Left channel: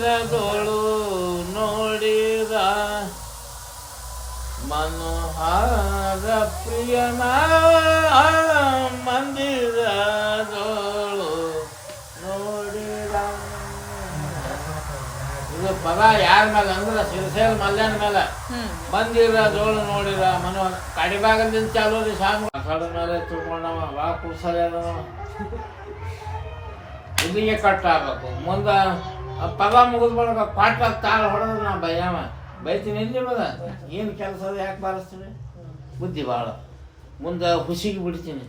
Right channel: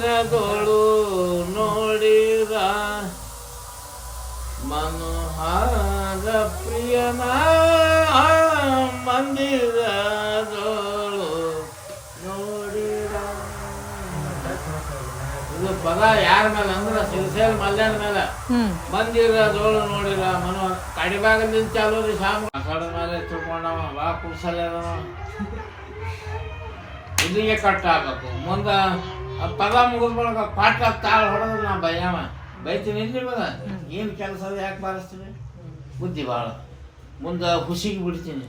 ಮಂದಿರದೋಳು ನೋಡಿರ ಮನೋಹಾರ ಪ್ರಿಯನ ಮಂದಿರದೋಳು ನೋಡಿರ. ಇದು ಪದ ಯಾರ ಮೇಲೆ ಅಂದ್ರೆ ಸಿರಸೇಲ್ ಮಲ್ಯಾಣ ಮೇಲೆ. ಮಂದಿರದೋಳು ನೋಡಿರ ಮನೋ ಕಡಿಬಾಗಲಿಂದ ಚಾಲೋ ರೀ ಸಾಂಗ್ ಕಡೆ ಮೇಲೆ ತಿಳ್ಕೊಂಡವ ಬಾ ಕುಸಲ ಇಲ್ಲಿಗೆ ಕಟ್ ಆಗ್ಬೇಕು. ಮುಂದೆ ಪದ ಮುಗಿದ್ಬಳಕ ಪಾಠ ತಾಳ ಹೊಡೆದ್ರೆ ನಾ ಬೈಯವ ಬೈತೀನಿ. ಇಲ್ಲಿ ಮಗ ಏನು ಕೆಲಸ ಯಾಕೆ ಬಾರಿಸ್ತೀನಿ ಬುದ್ಧಿ ಭಾಳ. ಮುಂದೆ ಹುಸಿಗೆ ಬಿಡ್ತೀನಿ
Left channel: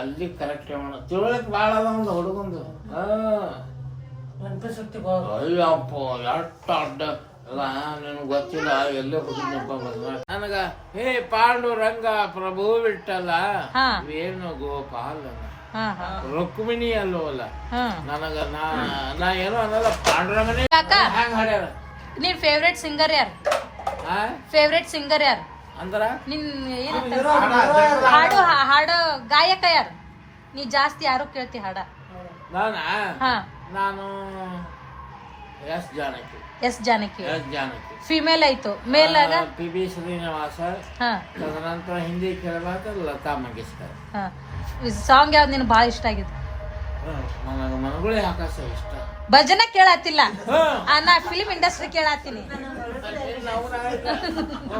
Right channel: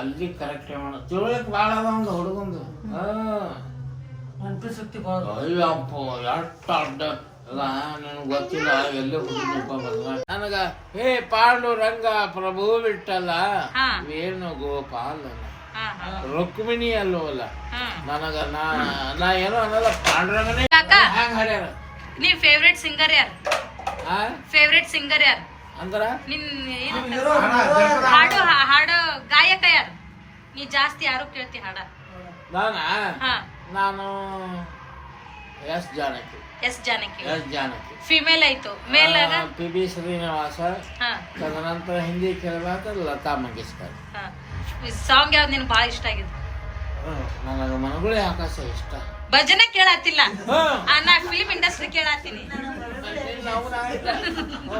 ಅಲ್ಲಿ ಕರೆಕ್ಟ್ ಮಾಡೋ ತಿಳ್ಕೊಳಕ್ಕೆ ಭಾಳ ಅದ ಒಂದು ಹುಡುಗಂದು. ಅಯ್ಯಪ್ಪ ಎಷ್ಟು ಅಡ್ಡ ನನಗೆ ಗೊತ್ತಿಲ್ಲ ಎಲ್ಲೇ ಹುಡುಗನಪ್ಪ ಬಂದ ನನಗೆ. ಹೇ ಪಾಂಡುರಂಗ ಪ್ರಭು ಬಿಟ್ಟಲ್ಲ ವೇಣು ಗೋಪಾಲನ ರುಕ್ಮಿಣಿ ಅಲ್ಲವಲ್ಲ ನನಗ ನಾ ಏನೋ ಅನ್ನಲ್ಲ ಪಾಂಡುರಂಗನೇ ಹ್ಯಾಂಗ ಹಾಡ್ಯಾರ. ನಿನ್ ಫೇವ್ರೆಟ್ ಸಿಂಗರ್ ಯಾರು? ಫೇವ್ರೆಟ್ ಸಿಂಗರ್ ಯಾರು ಅಂದ್ರ ನಿನ್ ಹಾಡು ಹಾಡು ಗಾಯಕ ಯಾರು? ನೀ ಜಾಸ್ತಿ ಯಾರು ಕೇಳ್ತಿ ಹಾಡ? ನಾನು S Janaki. S Janaki. S Janaki female ಆಯ್ತು. Male P B Srinivasa. ತದನಂತರ ಹಿಂದಿ ಕೇಳಬೇಕಾದ್ರೆ ಲತಾ ಮಂಗೇಶ್ಕರ್. ಸಾಂಗ್ ಯಾವ್ದು ನಿನ್ ಬಾಳ ಇಷ್ಟ ಆಗಿದೆ? ನನಗ ಮನಗುಳಿ ಆಕಾಶ ಇಷ್ಟ. ಭಜನೆ ಕೇಳತ್ತಿಲ್ಲ, ನಾ ಫಿಲ್ಮ್ ಇಂಡಸ್ಟ್ರಿ ಕೇಳತ್ತೀನಿ.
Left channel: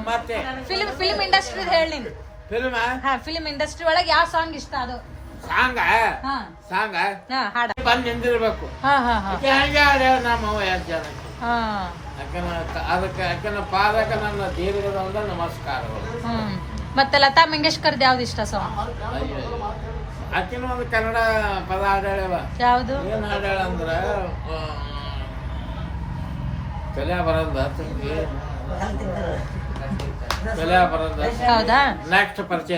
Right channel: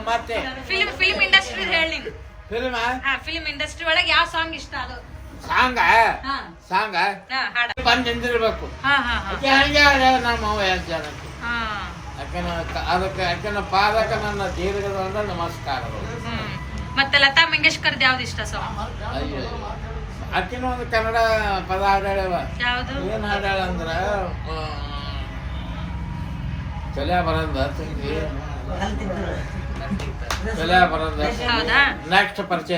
ಮತ್ತೆ ಫಿಲ್ಮ್ ಇಂಡಸ್ಟ್ರಿ ಹೇಳಿ. ಫಿಲ್ಮ್ ಫಿಲ್ಮ್ ಇಂಡಸ್ಟ್ರಿ ಒಳಗೆ ಯಾವ ಸಾಂಗ್ ಇಷ್ಟ? ಅದು ಸಾಂಗ ಬಂದ್ ನಿಂದಿರ್ಬೇಕು. ನಮ್ಮ ಎಸ್ ಜಾನಕಿ. ಯಾಕಂದ್ರೆ ಪಾದಕ ನನ್ನ ದೀರ್ಘದ ನಮಸ್ಕಾರಗಳು. ಮತ್ತೆ ಲತಾ ಮಂಗೇಶ್ಕರ್ದು ಯಾವ್ದು ಇಷ್ಟ ಸಾಂಗ್? ಅಯ್ಯೋ ಆಕಿನ ಒಂದು ಕನ್ನಡ ಪದ ಹಾಡ್ಯಾಳವ. ಯಾವ್ದು? ಏನ್ ಹಾಡ್ಯಾಳ ಅಂದ್ರ ತಲೆ ಬರಂದ ತಂಗಿ ತಲೆ ಬರಂದ. ಹೌದಾ? ನೆಕ್ಸ್ಟ್ ಪರಿಚಯ.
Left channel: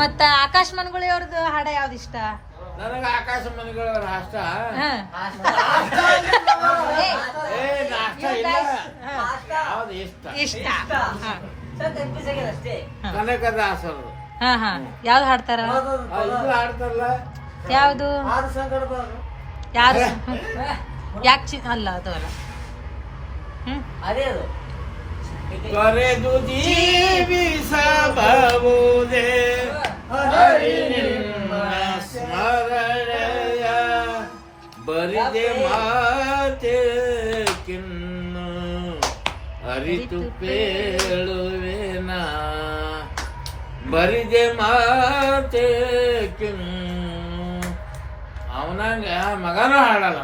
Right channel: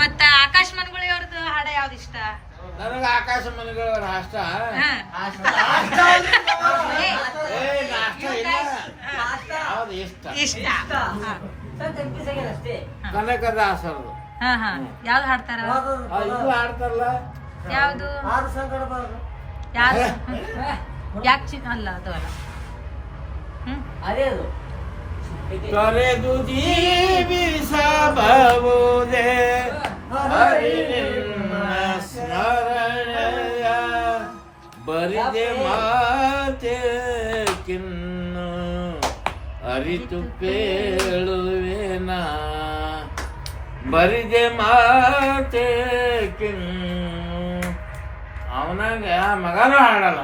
ಮತ್ತ ಆಕಾಶ್ ಮನಗುಳಿ ಅವ್ರದ್ದು ಹಾಡ ಯಾವ್ದು ಇಷ್ಟ? ನನಗ ಆಕಾಶ ಮನೆಗಳವ್ರ ಅಷ್ಟ. ನಾಷ್ಟ ಇಲ್ಲ ಯಾವ್ದು ಇಷ್ಟ? ಇಷ್ಟ ಕನಕದಾಸರದು. ಯಾವ್ದು ಹಾಡ್ತಾರ? ಇದು ಹಾಡ್ತಾರಲ್ಲ ಯಾವ್ದು? ಯಾರು? ಯಾಕೆ ಅಲ್ಲ ಅದು ಅಲ್ಲ. ತೊರೆದು ಜೀವಿಸಬಹುದೇ ಸ್ಮರಣೆಯ ಬರಿದೆ ಮಾತೆ ಕಿನ್ನು ಅರಿತು ಪೇಳುವೆನ ಬರಿದೆ ಮಾತೆ ಕಿನ್ನು. ಅವನಂಗ ಮಗನೂ ಹಾಡಲ್ಲ.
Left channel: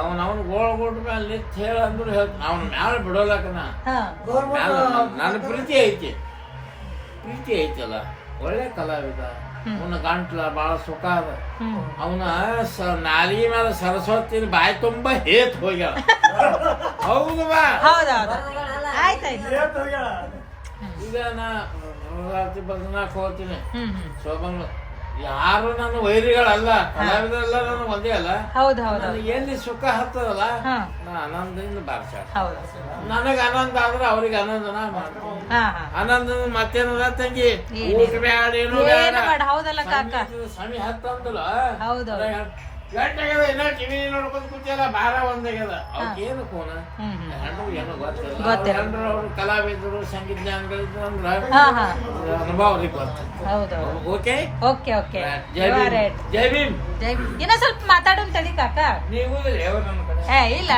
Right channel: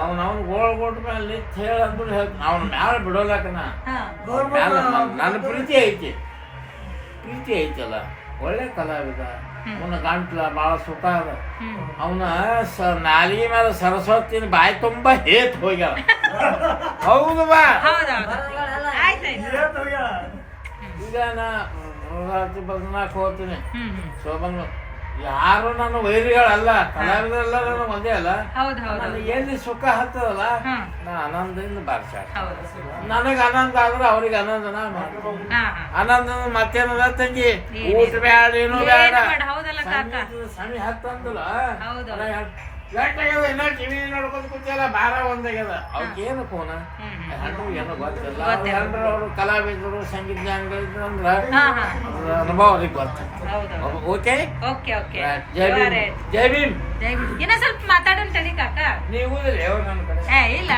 ಅವನು ಗೋಳ್ ಕೊಟ್ಟ ಮೇಲೆ ನಿಂತು ಹೇಳಂದ್ರೆ ಅವನ ಮ್ಯಾಲ ಬಿಡೋಲಕ್ಕನ ಮ್ಯಾಲ ನನ್ನ ಪ್ರೀತಿ ಐತಲ್ಲ. ಒಳ್ಳೆ ಕಲಾವಿದ. ಅವನ ಗಂಟ್ಲ ಭಾಳ ಸುಖ ಅದ. ಅವನ ನಾಲಿಗೆ ಮೇಲೆ ಸರಸ್ವತಿನ ಬಾಯಿ ತುಂಬಾ ಹೇತ್ ಹೋಗ್ಯಾಳ. ಹೌದು ಬಾ. ಈಗ ನಾ ಬದನಾಕ್ ಹೋಗ್ತೀನಿ ಶೋಭನ್. ಯಾರು ನನ್ನ ವೈರಿಗಳಲ್ಲ, ಕಲಾವಿದರೆಲ್ಲ ನಾನು ಒಂದೇ ಅಲ್ಲ. ನನಗೆ ಎಲ್ಲಿ ಸುಖ ಹತ್ತದಲ್ಲ ನಾ ಆನಂದದಿಂದ ಬಾರಿಸಾಡ. ನನಗೆ ಆನಂದ ಆದ್ರೆ ಅವ್ರಿಗೆ ಆನಂದನ ಮಾಡ್ತೀನಿ. ಆನಂದ ಮತ್ತೇನದ ತಂಗಿ? ಊಟ ಬ್ಯಾಡ ಏನು ಬೇಡ, ಸಮಿ ಹತ್ತಂತಲ್ಲ ಏನೋ ಟಿವಿ ನೋಡ್ಕೊಂಡ್ ಕುಂತಲ್ಲ ಬಾರ ಒಂದಾಗ್ಯದ. ಅವ್ಕೇನು ಕೋನ ಹೆಂಡ್ರು ಏನೋ ಗೊತ್ತಿಲ್ಲ. ಹೆಂಡ್ರು ಅವ್ರು ಕಲಾವಿದರು ಸಂಗೀತ ಜ್ಞಾನಿಗಳಿದ್ರು ಅಂದ್ರ ಅನುಭವ ಅವ್ರಿಗೆ ಗೊತ್ತ. ಓಕೆ ಜೈ ಭೀಮ್. ಜೈ ಭೀಮ್. ಇನ್ನ ಸ್ವಲ್ಪ ಮಾತಾಡೋಣ ತಡಿ ಕಾಕ. ನೀವು ನನ್ನ ಕಡೆ ಇಲ್ಲ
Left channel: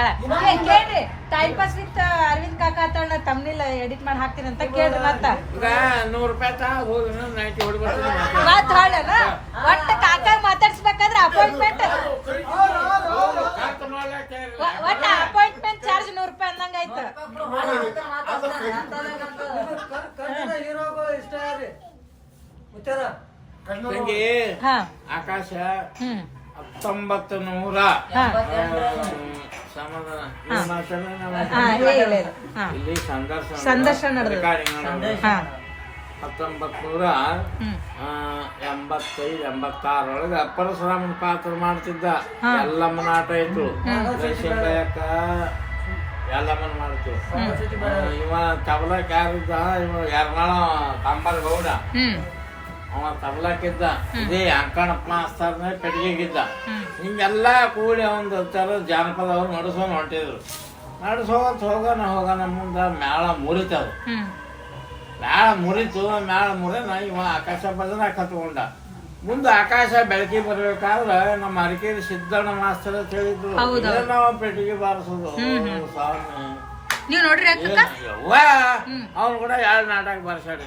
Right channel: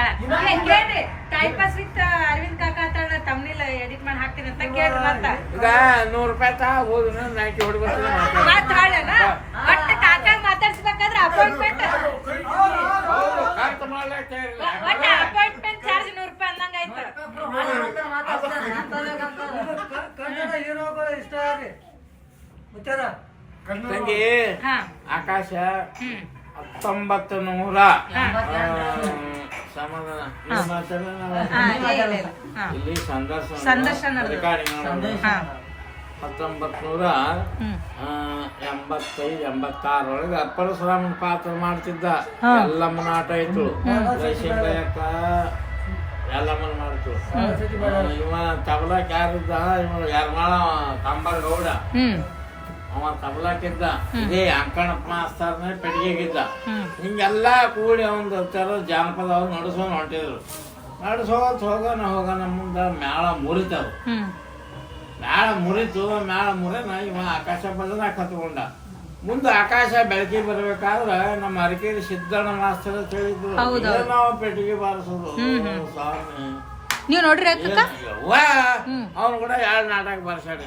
ಕೇಳ್ರಿ. ಟೈಮ್ ಪಾಸ್ ವಿತ್ ಅರವಿಂದ್ ಕಾಕ ಅಂತ ತಮ್ಮನಿಲ್ಲ ಎಡಿಟ್ ಮಾಡಿ ಹಾಕ್ತೀನಿ ಅಂತ ಕೇಳ್ರಿ. ಅಂತ ಈಗ ₹100 ತಾ ಹೋಗಿ ನೈಟಿ ಹೊಡ್ಬರ್ತೀನಿ. ಒಟ್ಟು ಕಾಕ ಮಾತಾಡ್ಸ್ಬೇಕಾದ್ರೆ ಅಪಾಯಿಂಟ್ಮೆಂಟ್ ಚಾರ್ಜ್ ₹100 ಅಂದಂಗ ಆಯ್ತು. ತಂಗಿ ಆಕಾಶ 1900 ಸಮಾಧಾನ ಇಲ್ಲಿ ಸಂದರ್ಶನ 1985-86 ಒಳಗೆ ಪರಶುರಾಮನ ಪಾತ್ರ ಮಾಡ್ತಿದ್ದ. ಎಲ್ಲಮ್ಮನ ಆಟ ಇತ್ತು. ಶಂಕಯ್ಯಕ್ಕ ಎಲ್ಲಮ್ಮನ ಮಾಡ್ತು. ಇವ ತಬಲಕ್ ಯಾರಿದ್ದ? ಇವ ಯರ್ಮಾಳ ಕಂಬರ್ ಗೌಡ. ಅವ ತಬ್ಲಾಕಿದ್ದ, ಇದೇ ಅಂಕಣಪ್ಪ ಮಾಸ್ತರ್ನೇ ಪೆಟ್ಟಿಗೆಗಿದ್ದ. ಹಿಂಗೆಲ್ಲ ಕೂಡಿ ಒಂದು ಥರ ಜಾನಪದ ಅವ್ರು ನಡೆಸೋನು ಹೊಂಟಿದ್ರು. ನಡೆಸೋತ್ ಹೋಗೋಣ ಮುಂದೆ ಮ್ಯಾಳ ಮುರಿತದು. ಮ್ಯಾಳ ಮುರಿತು, ಮ್ಯಾಳ ಮುರಿನ ಇವ ಆಕಾಶ ಭಜನ ಕತ್ಕೊಂಡ. ಮುಂದೆ ಆಕಾಶ ಬೆಳಕಿ ಬರ್ಬೇಕಾದ್ರೆ ನಮ್ಮ ಅರಕೇರಿ ಸಿದ್ದಣ್ಣ ಮಾಸ್ತರ್ ಅಂತ ಹೇಳಿದ್ರು, ನಾವು ಪೆಟ್ಟಿಗೆ ಬಾರಿಸೋದು ಸ್ವಾಮಿ. ನೀವು ನೋಡ್ರಿ ಅವನು ಕೂಡ 2 ನಾಟಕ ಬರ್ಸಾಡಿ.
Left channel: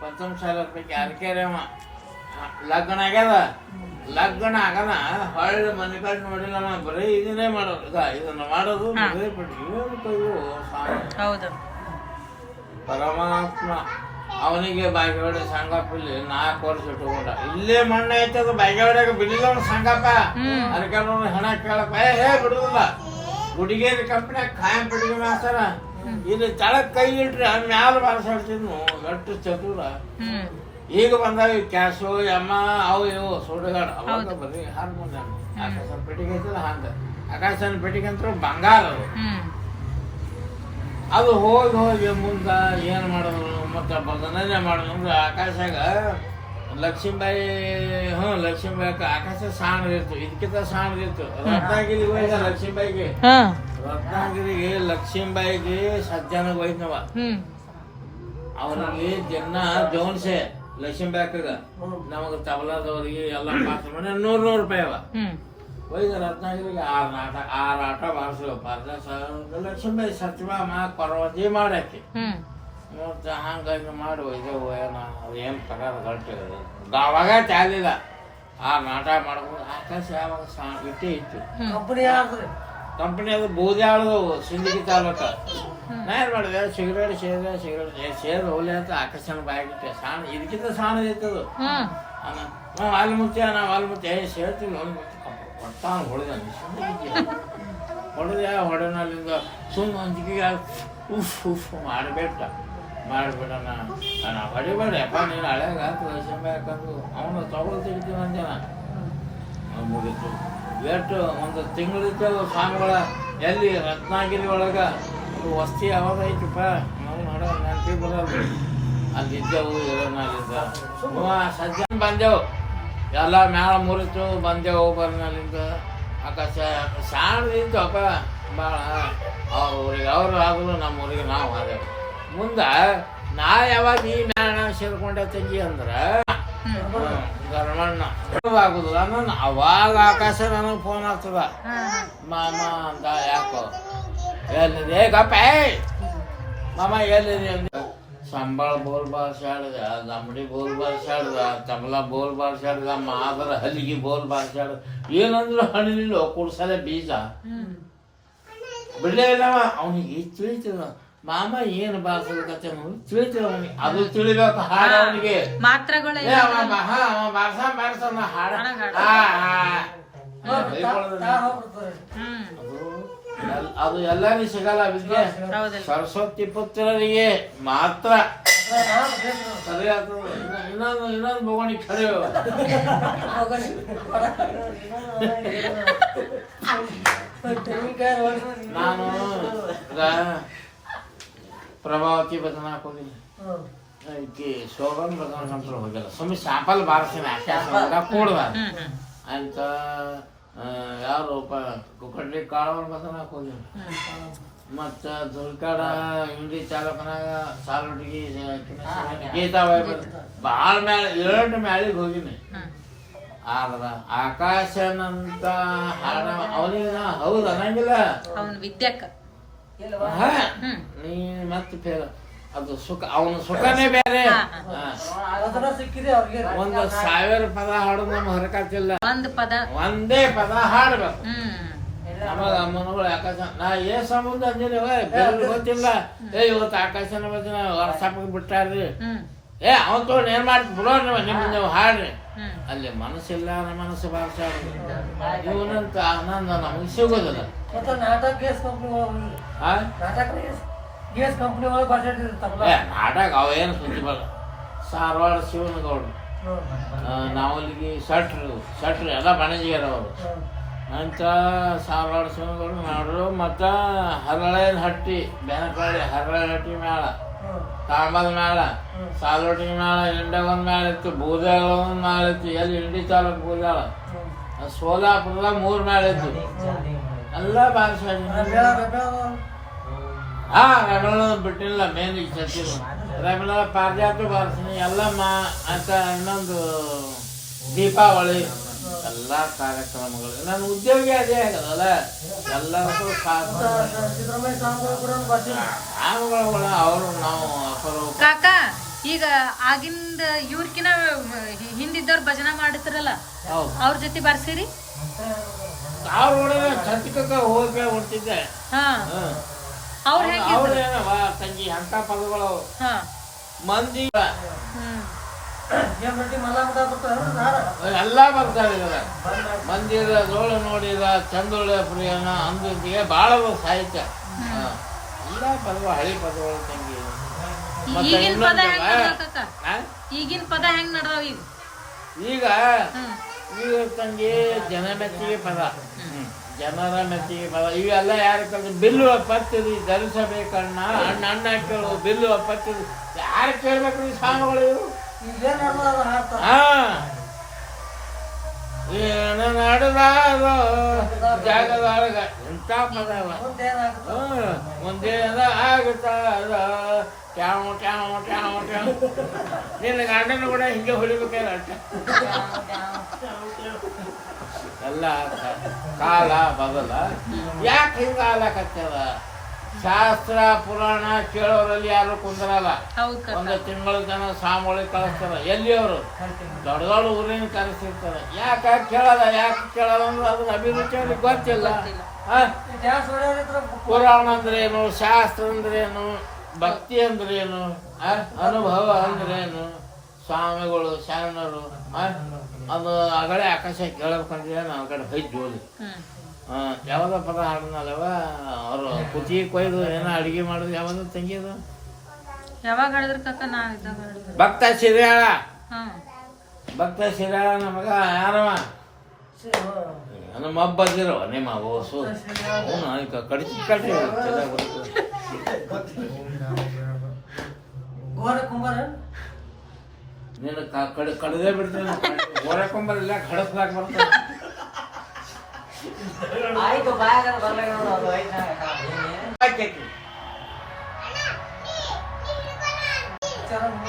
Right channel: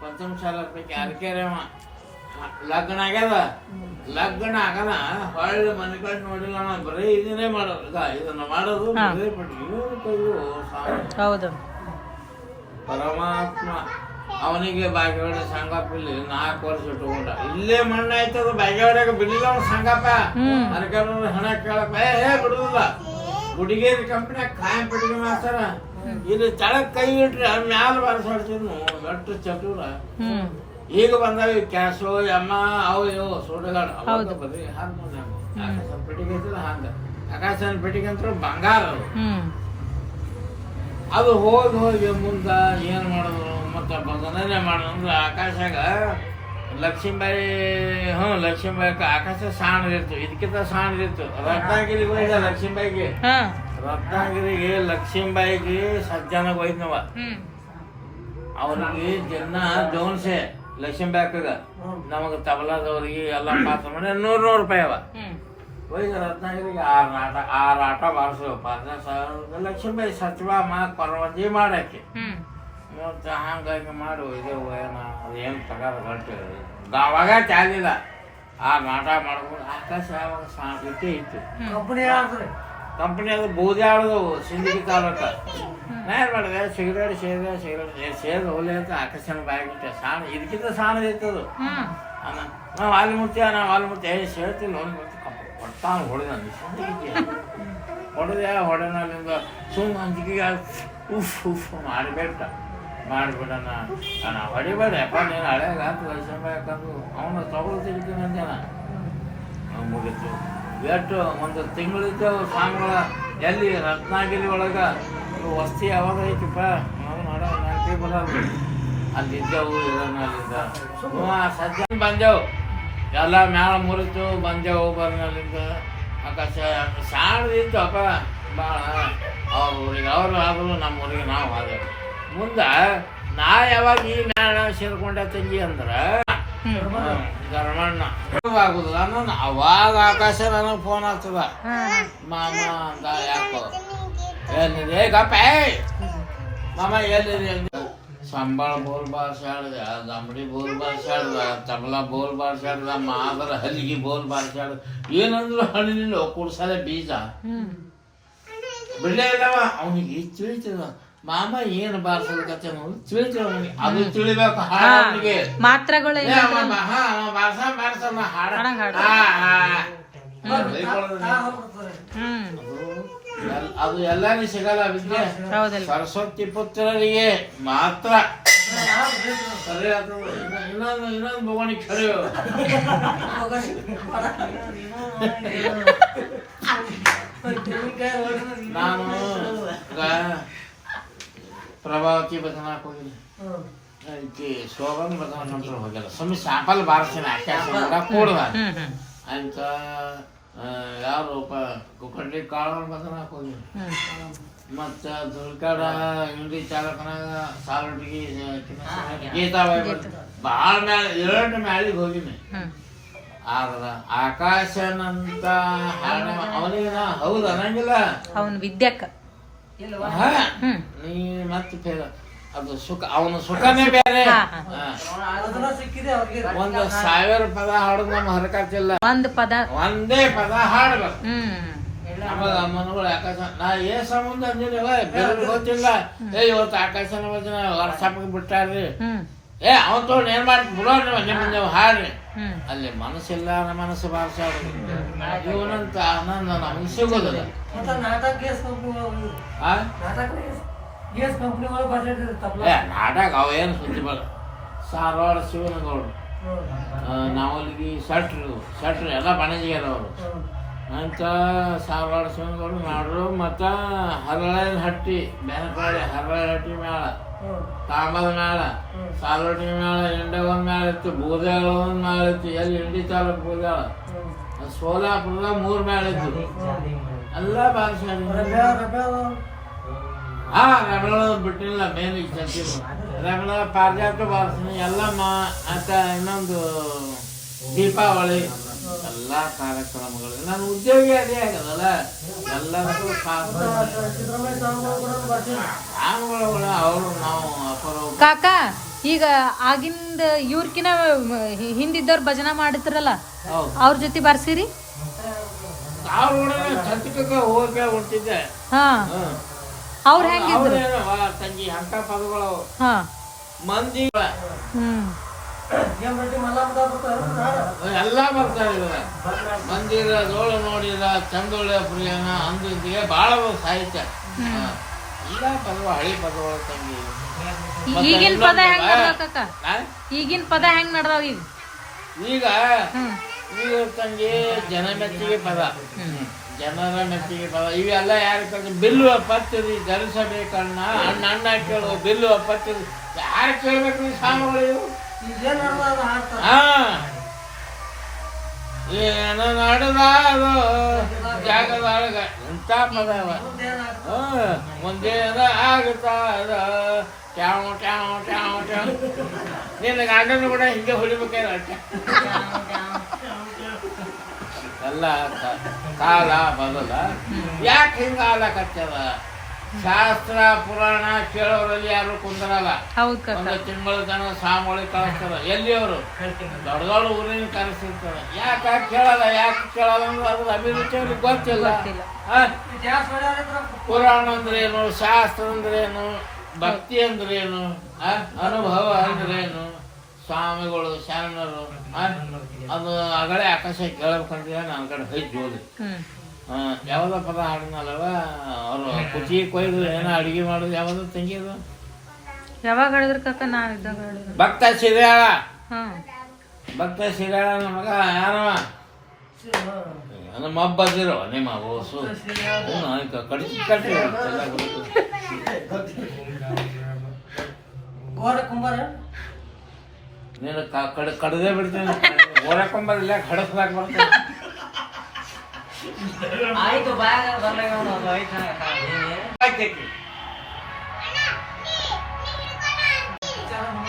ಪಂಚಮ ಶಾಲೆ ಪೈಕಿ ಅರಕೇರಿ ಅವ ಲಗ್ನ ಆಗ್ಯದ. ಲಗ್ನ ಆಗಲ್ಲ ಹೊಳ್ಳಿ ಮನೆ ಕಡೆ ನೋಡಿಲ್ಲ, ಬರೀ ಇದನ್ನೇ ಮಾಡೋದು, ಇದನ್ನ ಮಾಡೋದು ಪರಮಾತ್ಮ. ಅವನಿಗೆ ಬಾಗೇವಾಡಿ ಸಂಗಪ್ಪ ಇಲ್ಲಿ 4 ವರ್ಷ ಇಟ್ಟುಕೊಂಡ. ಇಲ್ಲೇ ಮಣ್ಣ ಐತದ, ಬಾಗೇವಾಡಿಯಾಗ ಬಿಡಲಿಲ್ಲ ಅವ್ನು ಸಂಗಪ್ಪ. ಅದಕ್ಕೆ ಹಣ ಕೇಳಪ್ಪ ಬಿಡುದಿಲ್ಲ. ಗುಡಿಗೇರಿ ಕಂಪ್ನಿಯಾಗ ಖಾಯಂ ಪೆಟ್ಟಿಗೆ ಮಾಸ್ತರ ಇಲ್ಲಿ ತಳಕ್ ಕೈ ಇಟ್ರಿ ಮ್ಯಾಲ ಬಾರಿಸಾಡ್ತಿದ್ನು. ಗಟ್ಟು ಚತುರ. ಈಗ ಬಂದಾವ ಕ್ಯಾಶು ಅಮ್ಮ ಅವು ಇವು ಸುಡುಗಾಡು. ಅವಾಗ ಬರೀ ಹಾರ್ಮೋನಿಯಂ ಆಕಾಶನ ಪೆಟ್ಟಿಗೆ ಐತಲ್ಲ ಹಂಗ. ಆಕಾಶನ ಪೆಟ್ಟಿಗೆ ಅಂತ ಬಂಗಾರ ಅದು ಹೋಗಿ ಮುಂದೆ ಏನು ಮಾಡಿದ್ರು ಮತ್ತು ಭಜನೆ ಮಾಡಿದ್ರು ಅಂದ್ರೆ ಆಕಾಶಾಗ ಲಕ್ಷ್ಮೀಬಾಯಿ ಲಕ್ಷ್ಮೀಬಾಯಿ ಆಕಾಶ ಸಾಣದಿತ್ತು, ಇದಕ್ಕಿಂತ ಸಾಣದಿತ್ತು. ರತ್ನಾಗಿರಿಗೂ ಇದೆ ಲಕ್ಷ್ಮೀಬಾಯಿಗೆ. ರತ್ನಾಗಿರಿಗೆ ಲಕ್ಷ್ಮೀಬಾಯಿಗೆ ಸಜ್ಜಾನಾಗ ಹೋಯ್ತನವ. ಅವ್ರಿಗೆ ದಿನ ಜೋನ್ಸೆ ಲಕ್ಷ್ಮೀಬಾಯಿಗ ನಮಗೆ ತಬಲಾದವ್ರಿಗೆ ಎಲ್ಲ ಪಾತ್ರ ಮಾಡಿ 100 ರೂಪಾಯಿ ಅವ. ಹೋಗಿ ರತ್ನಾಗಿರಿಗೆ 6 ಆಟ ಬಾರಿಸ್ಬೇಕು. ಲಕ್ಷ್ಮೀಬಾಯಿ ಸತ್ಯಭಾಮ ಪರ್ವತಿ ಮಾಡಾಕಿ ಹಂಗಾಗಿ ಮಾಡಿ ಹೋಯ್ದೇವು. ಅದೇನು ಪಗಾರ ಗಟ್ಟಿರೋದು ಅವಾಗ ಚಾಲಿಲ್ಲ. ಆ ನಾಟಕ ಮಾಡ್ಕೊಂಡು ಆಕಾಶ ಯಾವಾಗ ಇಟ್ಟೇ ಇತ್ತು. ಕಂಪನಿ ಅದು ಬೂದ್ಯಾಳದವು ಸಿಂದಗಿ ತಾಲೂಕ. ನಾ ಏನು ಮಾಡಿದೆ ಸಿಗರೇಟ್ ಸೇರಿ ಹೋಲಿ ಅಂತ ಆಕಾಶನ ಬಾಯಿಗಿಟ್ಟೆ. ಸಾಣ ಇದಕ್ಕಿಂತ ಸಾಣದಿತ್ತದು. ನಾವು ವಾಲ್ಮುತ್ಯ ಸೇರ್ತಿಲ್ಲ ಒಟ್ಟಾಗ ಹೊಡೆದ ಸಿಂದಗಿಗೆ ಹೊಡೆನಲ್ಲಿಂದ ಸುಮ್ಮನೆ ಅಂಜಿಕೆಗೆ ಉಫ್ ಮಾಡಿಬಿಡೋಣ ಹೊಡಿಬೇಡಪ್ಪ ನೀನು ಹಳೆಗ ಲಕ್ಷ್ಮೀಬಾಯಿ ಯಾಕಂದು ಅವನು ತಗೊಳ್ ತೆಗಿತೀವಿ ಅಂದೇನ. ಮುಗೀತು. ಎಷ್ಟು ಒಂದು ತಿಂಗಳಿದ್ದವು ಸ್ವಾಮಿಗಳ ಎಲ್ಲಿ ರತ್ನಾಗಿರಿ ಒಳಗೆ ವಸ್ತಿ ಯಾವಾಗ ಐತಿಪ್ಪ ನಾವು ನೋಡ ನೆನಪಿ ಬರಲ್ರಿ. ಅಲ್ಲಿದ್ದೆವು ಇರೋನಲ್ಲಿದ್ದ ಸಜ್ಜನ ಬಂದೆವು. ಎಲ್ಲ ಮ್ಯಾಳ ಮುರಿತು ಬಂದೆವು ಬರೋನಲ್ಲಿಂದ. ಆಕಾಶ ಸಾಣದಿತ್ತು ಅಪ್ಪ ಭಾಳ. ಅವ್ರ ಊರಿಗೆ ಅವ್ರು ಆದರೂ ನಮ್ಮ ಊರಿಗೆ ನಾವು ಆದೆವು. ಮುಂದೆ ನಾ ಯಾವಾಗ ಈ ಮ್ಯಾಣ ಸೇರ್ಕೊಂಡೆ ತಂಗಿ ಅಂದ್ರೆ ಗರ್ಮಣ್ಣ ಆಗುದಿಲ್ಲ. ನಾನು ಅವಾಗ ಆಕಾಶ ನನಗೆ ಫೋನ್ ಆಗ್ತದ, ಮಾಮ ಅಂತ. ಯಾಕೋ ಎಲ್ಲಿದೆ ಗಪ್ಪ ಮಾಮ ಎಲ್ಲಿದೆ ಅಂದ್ರೆ ಸಂಬಳ ಬೋಲ್ ಬಾರ್ಸಾಡ್ದ, ದಮಡಿ ಬೋಲ್ ಬಾರ್ಸಾಡ್ದ, ತಬಲಾ ಬೋಲ್ ಬಾರ್ಸಾಡ್ದ, ಮಾದರ ಹಲಿಗೆ ಬೋಲ್ ಬಾರ್ಸಾಡ್ದ. ಏನಂದ್ರು ಹಣ್ಣಿನಿಲ್ಲ ಕುಡ್ಸಲೆ ಬೀಜ ಬಿಡಲೇ ಇಲ್ಲವ. ಅವನಿಗೆ ತಿಳಿತದ ಮಾಮ ಏನು ಬಾರ್ಸೋದಕ್ಕೆ ತಿಳಿತದ ಅವನಿಗೆ. ಅದು ತಿಳಿಬೇಕು ಹಾಡ ಅವನಿಗೆ ಮಾತ್ರಗಳು. ಬಾರ್ಸನ ಹಾಡ ಅದು ಎಲ್ಲರಿಗೂ ಸಿಗಲ್ಲ ವಿದ್ಯೆ. ಸರಸ್ವತಿ ಪುತ್ರರಿಗೆ ಮಾತ್ರ ಸರಿ ಆಗ್ತದೆ. ಇನ್ನೊಂದು ಭಗವಾನಿಗೆ ಸರಿ. ನಾನು ಪ್ರಭಾವತಿ ಭಜನಾಕ್ ಹೋಗಿಲ್ಲ, ಈಕೆ ಶೋಭನ್ ಭಜನಾ ಕಂಟ್ರ ಹೋಗಿಲ್ಲ. ಸುಮ್ಮನೆ ಶಾಂಪಲ್ ಬಾರಿಸ್ತೀನಿ ಆಕಾಶ ಕೂಡುವ ಅಂತ. ಯಾರು ಕುಕ್ಕಡ್ಲಿ ಕಾಳವನ್ ಭಜನಾಕ್ ಹೋಗಿಲ್ಲ. ಮತ್ತು ದುರ್ಗಾಡ ಇಂಡಿ ಚಾಲಕನಾಗ ಸಾಲುಟಿಗೆ ಗೀತಾಬಾಯಿ ಭಾಳ ಮ್ಯಾಲ 2 ಮ್ಯಾಳಿಗೆ ಹೋಗಿನಿ. ಆದ್ರೆ ಆಕಾಶನಂತ ಹಾಡ ಅವನಿಗೆ ನಾ ಹೌದು ಅನ್ನಂಗಿಲ್ಲ. ಅವನ ವಿದ್ಯಾಕ ನೀ ಮತ್ತೆ ಫೇಲ್. ಅದು ಸುಖ, ಅವನ ಸುಖನೇ ಬೇರೆ. 1,000 ಪದ ಹಾಡೋದು ನಮ್ಮ ಹರಕತ್ತಿಲ್ಲ. ಒಂದೇ ಪದ ಹಾಡ್ಬೇಕು. ನಮಗ ಅಮ್ಮನಗಳು ಆಕಾಶ ನಾ ಸಂಬಂಧ ಅಂದಿಲ್ಲ ಬೇರೆ ಗೊತ್ತಿಲ್ಲ. ಇವತ್ತು ಆಕಾಶನ ಭಜನ ವಾಟ್ಸಪ್ಗೆ ಬಿಟ್ಟಾರ್ರಿ. ಅವನ್ ತೊಗೊಂಡು ಏನ್ ಮಾಡಿ ಬಿಡೋರಿ ನೀವು ಹಾಡ್ರಿ. ಅಲ್ಲಿ ಮನಸ್ಸಿಲ್ಲ, ಮನಸ್ಸು ಬಾರಿಸಾಡೋದು ಇವನಂತ ಆನಂದ ನಮಗೆ ಸಿಗೋದಿಲ್ಲ. ನಾಟಕ ಅವೇನು ಸುದ್ದಿ ಬರ. ಸಾರವಾಡ ಶಿವನಗೌಡ್ರು, ನಾವಲ್ಲಿಗೆ ಶಟ್ರು ಎಲ್ಲ ಬಣಜಿಗೆರವರು ಅಂತ ಸಾರವಾಡ ಶಿವನಗೌಡ್ರು ಮಾಡ್ರು. ಮತ್ತು ಹರಳೇನ ಹಟ್ಟಿ ಬೆನಕಳ್ಳಿ ಹರಳೇನ ಹಟ್ಟಿ ಮೇಳ ತಾಂಬದ ಮೇಳ, ಸಾಲೋಟಿನ ಮೇಳ, ಇಂಡೆ ಒಂದ್ ಮೇಳ ಇತ್ತು, ಬೂದಾಳ ಒಂದ್ ಮೇಳ ಇತ್ತು, ಎಲ್ಲಿ ಇಂಡಿ ತಾಲೂಕು ಬೂದಾಳ, ಸೋಲಾಪುರದ 3 ಮೇಳ ಇತ್ತು. ಎಲ್ಲ ಬಾರಿಸಿ ರಮೇಣ ಬಿಟ್ಟಿಲ್ಲ. ಮೇನ್ ಈಗ ಸಚಿವ ರಮೇಣ ಪಾರಿಜಾತ ಬಾರಿಸಿನಿ, ಎಲ್ಲಮ್ಮ ಅಂತ ಇನ್ನೊಂದು ದೀಪಾವಳಿ ಎಲ್ಲ ಕಾರ್ಯಕ್ರಮಗಳು. ನಾನು ಉದ್ಯೋಗಿ ಅದೇ ಆಗದಲ್ಲ, ಎಲ್ಲದಕ್ಕೂ ಸಾಮುಗಳು ಅವರು ನಾವು ಕಾಕ. ಈಗ ಆಗಿಂದ ಇವ್ರಕಿನ ಹಿಂದಿದ್ದವ್ರು ಭಜನಾ ಮಾಡಿದ್ರಲ್ಲ, ಅವ್ರ ಜೊತೆ ಬರ್ಸಿರಿ? ಅವ್ರ ಒಳಗೆ ಚಟಕ ಹೋಗಿ ಹೊಂಟಿದ್ದೆ. ಅವ್ರೇನವ ತಂಗಿ ಅಂಕ ಪದಗಳು ಮಂದಿ ಎಲ್ಲ ಬರ್ತಾರೆ. ಇದರ ಮಂದಿರ ಜೋಳ ನೋಡಿದ ಚಂದೊಳ್ಳೆ ಪ್ರಿಯನ ಅಂದಿಗೆ ಬಹಳ ಸಾಹಿತ್ಯ ಎಲ್ಲ ಪದಗಳು, ಹಳಿ ಪದಗಳು ತಂಗಿ. ಮತ್ತೆ ಈಗಿನ ಪದ ಹೆಂಗ್ ನಡ್ದಾವ ಈಗ ಈಗ ತಂಗಿ ಜನ ಮೆಚ್ಚಿಗೆ ಪದ, ಜನರ ಮೆಚ್ಚಿಗೆ ಪದ ಇವೆಲ್ಲ ಯಾರು ಕಲ್ತು ಬಿಲ್ಲು ಪತ್ತಿರಿ ಧರಿಸಬೇಕಣ್ಣ ಅಣ್ಣ ಅಣ್ಣ ಕೇಳು ಬಿಲ್ಲು ಪತ್ತಿರಿ ಯಾರು ಕೇಳ್ಬೇಕ್ರಿ ಸ್ವಾಮಿಗಳು ಇವು? ಏನು ನಡೆದಾದ ಜಾಗದಾಗ ಎಂತ ಪದ ಮುಂದೇನ ಆಗುತ್ತಾದ ಟ್ಯಾವ್ ಟ್ಯಾವ್ ಟ್ಯಾವ್ ಟ್ಯಾವ್. ನಿನ್ನ ಗಂಡನು ಕೂಡ ಹಿಂಗೆ ಹೊಡಿಬೇಕಾದ್ರೆ ಅಟ್ಟ ಎಲ್ಲ ಕಾಲ ಬದಲ. ಯಾಕೆ ಹಿಂಗ ಆಲಕತ್ತದ? ಶಾಸ್ತ್ರ ಪುರಾಣ ಕೇಳೋರಲ್ಲಿ ಯಾರು ಕುಂದ್ರಲ್ಲ. ಒಂದು ತಿಂಗಳು ಜನ ಸ್ವಾಮಿಗಳಿಗೆ ಕಳಿಸ್ತಾರ. ಎಲ್ಲಿ ಅವರು ದೊಡ್ಡ ದೊಡ್ಡ ಊರಿನ ಕರೆಸಿರ್ತಾರೆ. ಯಾಕೆ ಕೇಳಲ್ಲ? ಯಾಕೆ ಕೇಳಲ್ಲ ಅಂದ್ರೆ ಅದ್ರ ಅಭಿರುಚಿ ಅವ್ರಿಗೆ ಗೊತ್ತಿಲ್ಲ. ಪುರಾಣ ಅಂದ್ರೇನು, ಶಾಸ್ತ್ರ ಅಂದ್ರೇನು, ಭಕ್ತಿ ಅಂದ್ರೇನು, ಅನುಭವ ಅಂದ್ರೇನು, ಸ್ವಾಮಿಗಳು ಶರಣರು ಅದು ಅಗಳೆ ಆಕಾಶ ಕೇಳಬೇಕಂದ್ರೆ ನಾವು ಕಡೆ ಹೊಯ್ದು ಜೋಲಿ ಯಾವ್ದ ಪದ ಹಾಡನಲ್ಲವ ಅವರು ಕುಚಿ ಕೊಯ್ದು ಏನೋ ಅಡಿಗೆ ಮಾಡೋದು ಯಾವ್ದು ತಂಗಿದು ಯಾವಾಗ ಹೇಳಿದ್ರ ಕಾಕ? ಭಕ್ತ ಸಿರಿಯಾಳ. ಭಕ್ತ ಸಿರಿಯಾಳ ನಮಗ ಯಾರವ ನಮ್ಮ ಹಬ್ಬದಿರೋ ನಿಮ್ಮ ಓಸು ಕಡಿಸಿ ಕಟ್ಟಿ ನೀನು ಕಡದೇ ಬಿಡ್ತೇನೆ. ಓಡಕೊಂಬರಿಲ್ಲ ಕಡಸ್ಲಾಕ್ ಬರ್ತೇನೆ.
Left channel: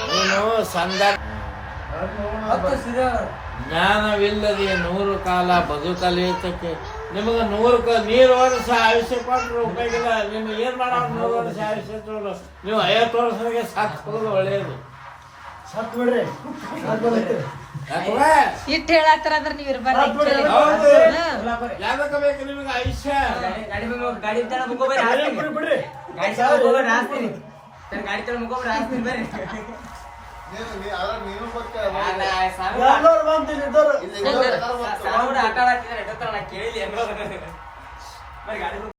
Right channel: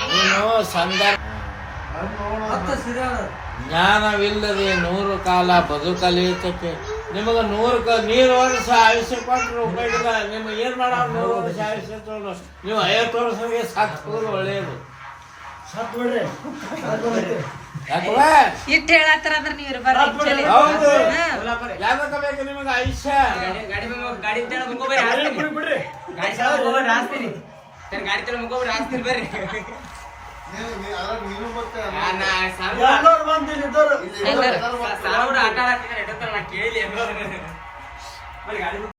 ನೀನು ಸಂದರ್ಭ ಜ್ಞಾನವಿಲ್ಲದೆ 100 ಕಾಲ ಬದುಕಲೇತಕ್ಕೆ. ನಿಮಗೆ 100 ನೀರು ವರ್ಷ ಆಯುಷ್ಯ ಕೊಟ್ಟರು ಉಪಯೋಗ ಇಲ್ಲ. ನಿಮ್ಗೆ ಏನ್ ಮಾಡ 100 ವರ್ಷ ಆಯುಷ್ಯ ತೊಗೊಂಡು ನೀವು 50 ವರ್ಷಕ್ಕೆ ಸತ್ತು ಹೋಗೋದು ಒಳ್ಳೆಯದು. ಇಟ್ಟು ಹೇಳತ್ತಾರ ಅಂದ್ರೆ ನೀರು ಯಾವ್ದಕ್ಕ ಬೇಕು ನಿಮಗೆ ಆಯುಷ್ಯ? ಆಟ